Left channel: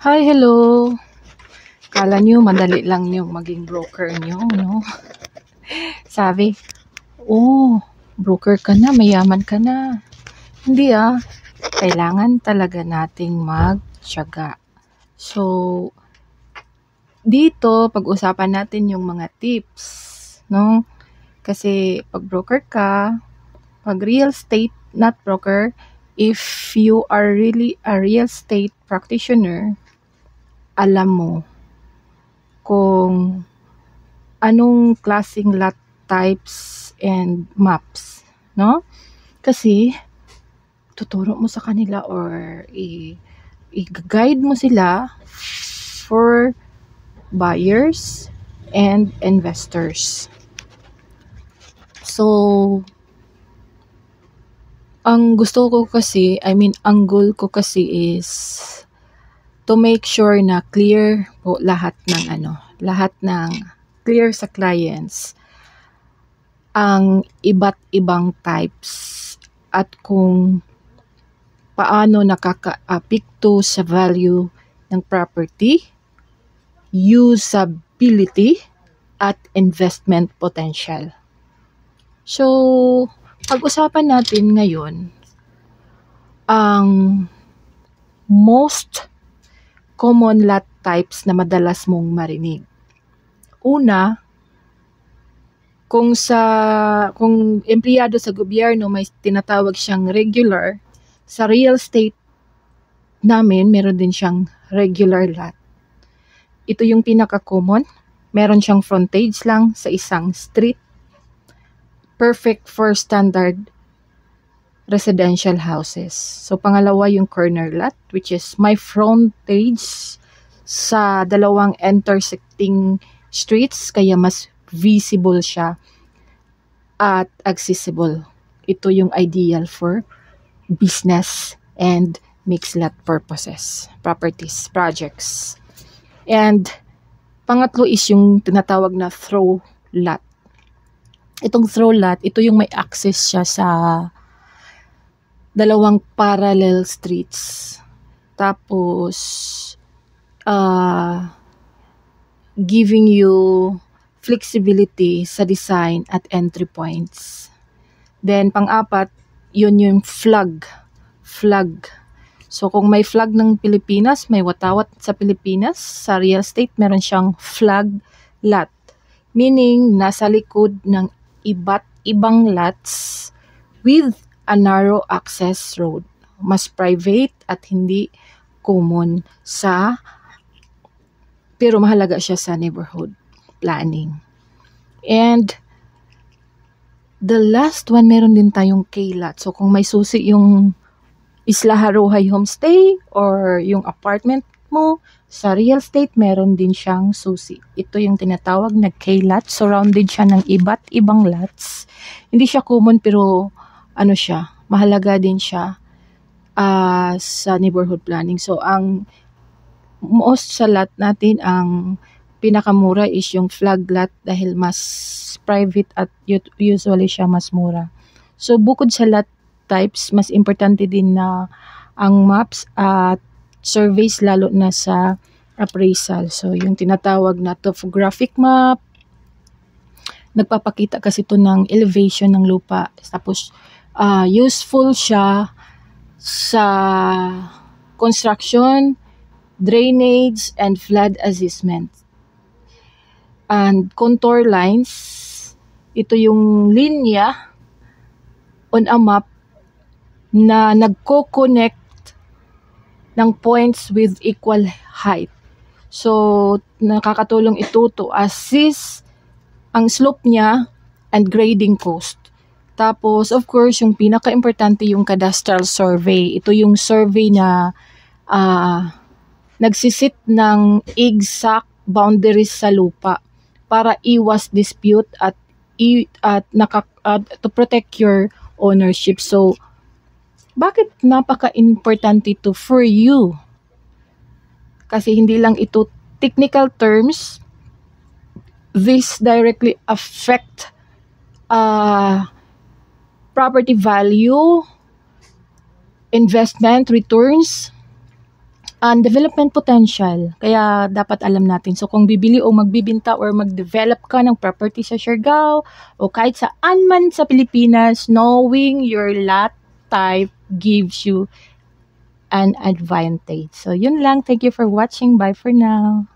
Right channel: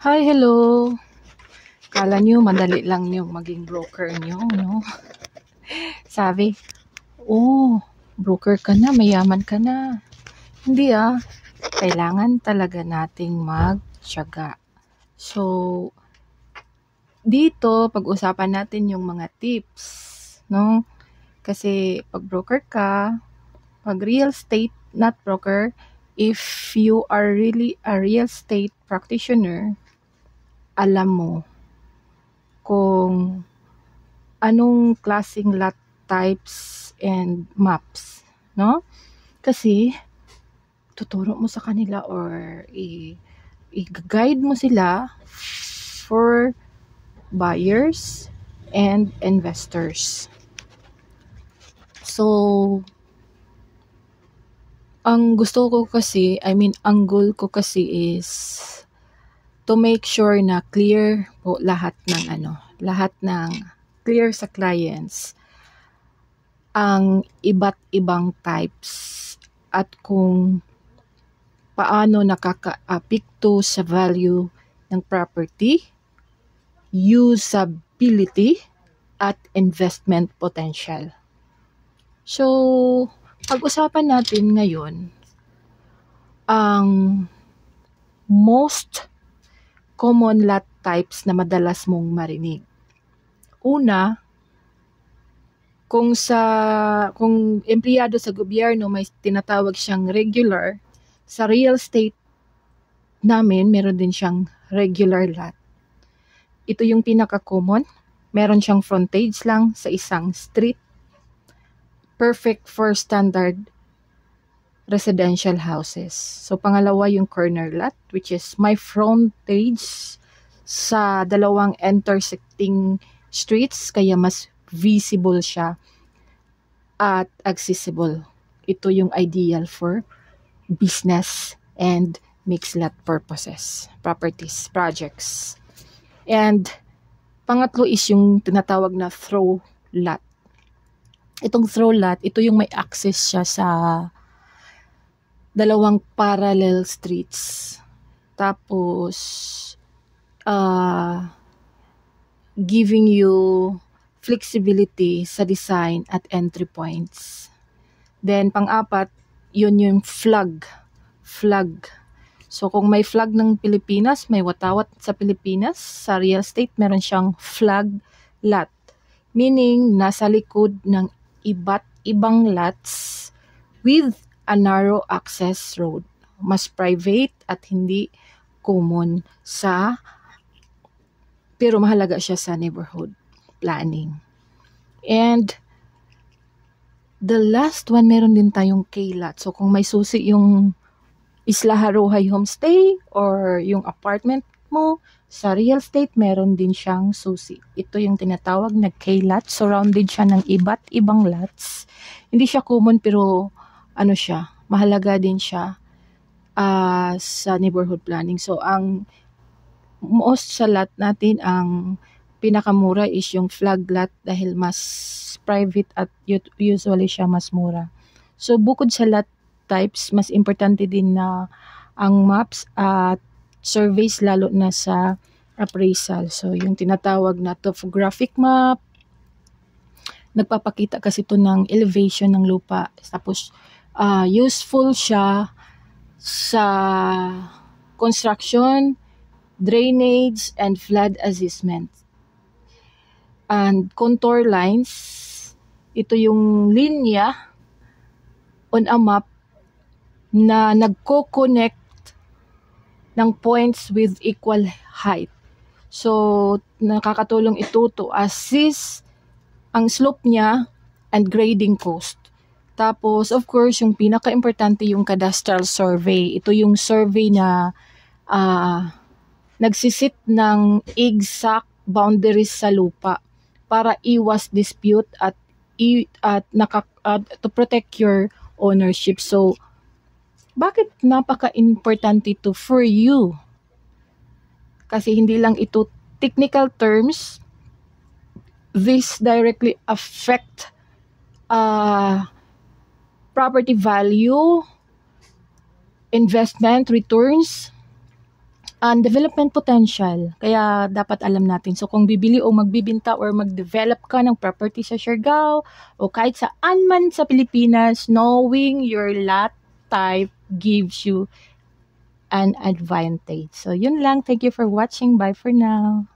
Hi, hello. Kala nyo madali lang yung maging broker nyo, no? Sabi, oh, broker ka na, mayaman ka na. Hindi kailangan talaga nating magtiyaga. So, dito, pag-usapan natin yung mga tips, no? Kasi pag broker ka, pag real estate, not broker, if you are really a real estate practitioner, alam mo kung anong klaseng lot types and maps, no? Kasi tuturo mo sa kanila or i-guide mo sila for buyers and investors. So, ang gusto ko kasi, ang goal ko kasi is to make sure na clear po lahat ng clear sa clients ang iba't ibang types at kung paano nakaka-apekto sa value ng property, usability, at investment potential. So, pag-usapan natin ngayon ang most common lot types na madalas mong marinig. Una, kung empleyado sa gobyerno may tinatawag siyang regular, sa real estate namin meron din siyang regular lot. Ito yung pinaka-common. Meron siyang frontage lang sa isang street. Perfect for standard residential houses. So, pangalawa yung corner lot, which is my frontage sa dalawang intersecting streets, kaya mas visible siya at accessible. Ito yung ideal for business and mixed lot purposes, properties, projects. And pangatlo is yung tinatawag na throw lot. Itong throw lot, ito yung may access siya sa dalawang parallel streets. Tapos, giving you flexibility sa design at entry points. Then, pang-apat, yun yung flag. So, kung may flag ng Pilipinas, may watawat sa Pilipinas, sa real estate, meron siyang flag lot. Meaning, nasa likod ng iba't ibang lots with a narrow access road. Mas private at hindi common pero mahalaga siya sa neighborhood planning. And the last one, meron din tayong K-lot. So, kung may susi yung Isla Haruhay Homestay or yung apartment mo, sa real estate, meron din siyang susi. Ito yung tinatawag na K-lot. Surrounded siya ng iba't ibang lots. Hindi siya common pero mahalaga din siya sa neighborhood planning. So, ang most sa lot natin, ang pinakamura is yung flag lot dahil mas private at usually siya mas mura. So, bukod sa lot types, mas importante din na ang maps at surveys, lalo na sa appraisal. So, yung tinatawag na topographic map, nagpapakita kasi ito ng elevation ng lupa. Tapos, useful siya sa construction, drainage, and flood assessment. And contour lines, ito yung linya on a map na nagko-connect ng points with equal height. So, nakakatulong ito to assess ang slope niya and grading cost. Tapos, of course, yung pinaka-importante yung cadastral survey. Ito yung survey na nagsisit ng exact boundaries sa lupa para iwas dispute at to protect your ownership. So, bakit napaka-importante ito for you? Kasi hindi lang ito technical terms. This directly affect property value, investment returns, development potential. Kaya dapat alam natin. So kung bibili o magbibinta or mag-develop ka ng property sa Siargao o kahit saan man sa Pilipinas, knowing your lot type gives you an advantage. So yun lang. Thank you for watching. Bye for now.